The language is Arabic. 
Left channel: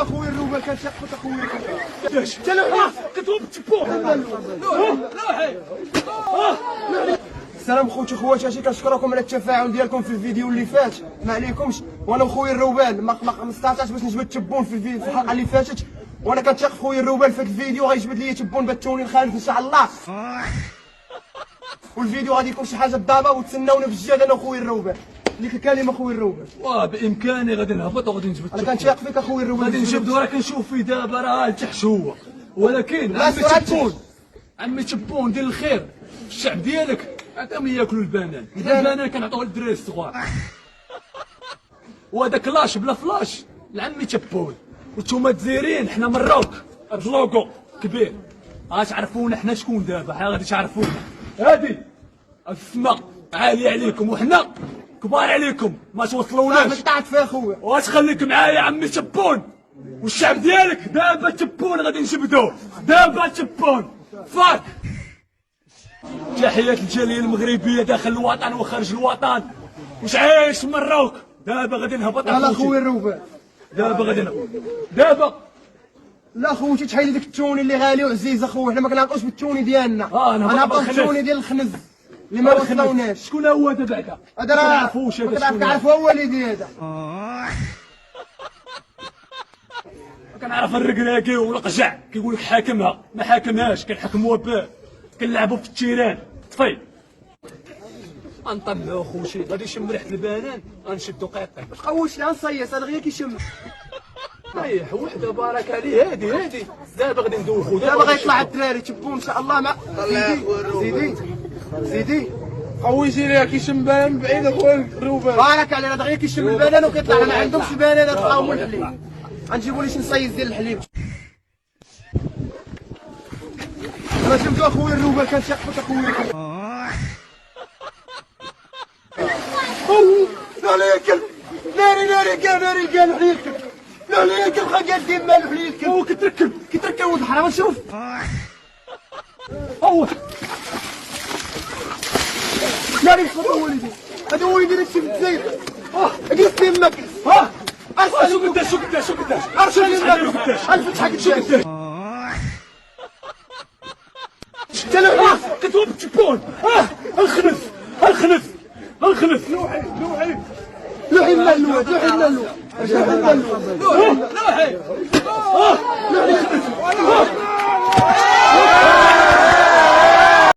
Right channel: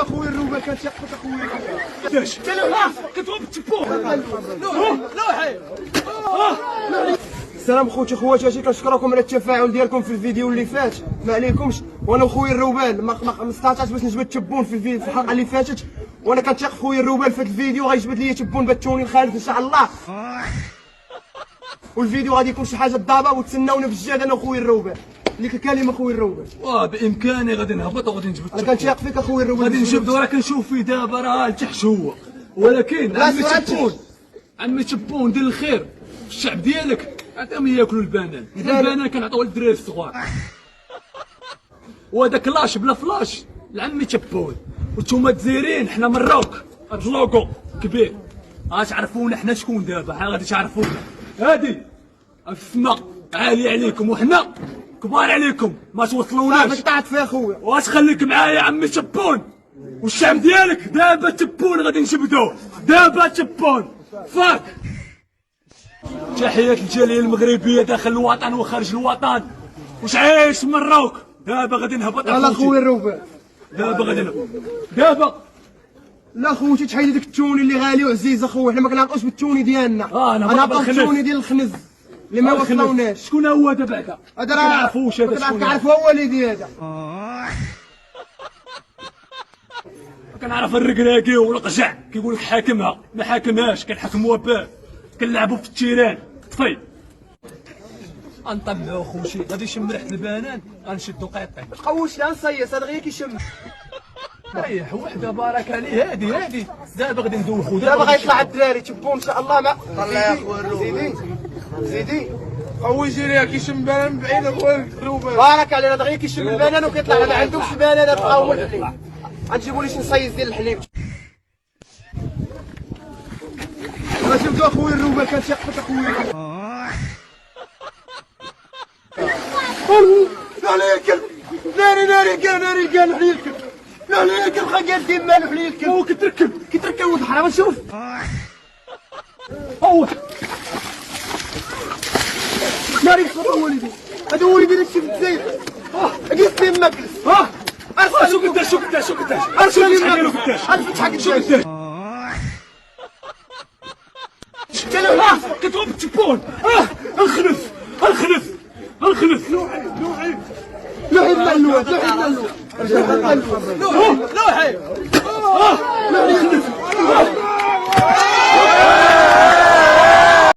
اخويا الروبه كتحت اخويا كاش كلام كتوب تبوح السلام خوتي اجي كنشكركم على التفاعل ديالكم في الفيديو اللي فات. ما عليكمش، وانا وخويا الروبان ما استطعتش باش نجبد تبون في الحلقه اللي فاتت، وانا كنثق خويا الروبان في هذا الفيديو غيجبد لي تبون بالتونين خالد ان شاء الله. والفيديو غادي يكون شي حاجه ضابه وتسناونا بالجهد انا وخويا الروبان. ليك كلمه خويا الروبان. بامكاني غادي نهبط وغادي نجبد. انا كنثق فيك اخويا الروبان، غادي نجبد وراه كنشوف فيه دابا راه لتحت هو، ولكن عمي تبون دير الخير الشعب ديالك عطاهم ياكلوا البنان كنعطيوه للدراري الصغار. وهذاك لاش بلا فلاش لعمي تبون، وانتوما الجزائريين حنا مروك بلوكو كبير غتعرفونا حنا شكون دابا، غادي تعرفونا. هادي السما عالي عليكم وحنا كبار عليكم ما توصلوناش. قطعت فيها خويا واش خليك معايا عمي تبون، والشعب ديالك دابا تبون غادي نجبدوه دابا تبون فاك. تحية الجالية المغربية داخل الوطن وخارج الوطن، واش عايش مروك. دابا غادي نهبط على خويا الروبان، دابا غادي نهبط دابا. لا خوتي تحيد داك التوني اللي غالي وعزيز اخويا، حنا ما كنعطوش بالتوني ديالنا. انا نعطيو بالتوني ديال الخنز اللي ما وصلوناش. شكون هو هذا بعدا؟ هذا ما كنعرفوش هذا شكون. كنعرفو هو والدي هذا. كنعرف الركراكي والقجع كيقول لك حاكمها ما حاكمهاش، كنحكموها باه كنلعبوا في التيران طفي. غنطلعو خوتي غادي يشم ريحه البنان غنشدو قيطين. ما تقوش لها نصيص هذا غير كيشم. ريح وحده بارك عليه. هادي دابا غادي ندوخو دابا غيطلع الدراري تبون ان شاء الله. مع زيدي خويا جيريها كيشم بنان بعيد اخويا الروبان. بارك عليه هذا غير كيشم البنان وكيطلع ما عندهمش بنان تلقاو من الحليب. غنجيبوا لي شي نصيص ديال الحليب. لازم اخويا الروبان كنشحت اخويا. ناري قال حليبك ناري قال خا دير مالو حليبك. هو كتركب ولد الحرام. شوف هو ناري بخطر وليدي هذا وليدي اللي في الجزائر. قلت يمك ارسل شو قداش ارسل يمك شو قداش كلام كتوب تبون. الخنف لوحي المعلوات لوحي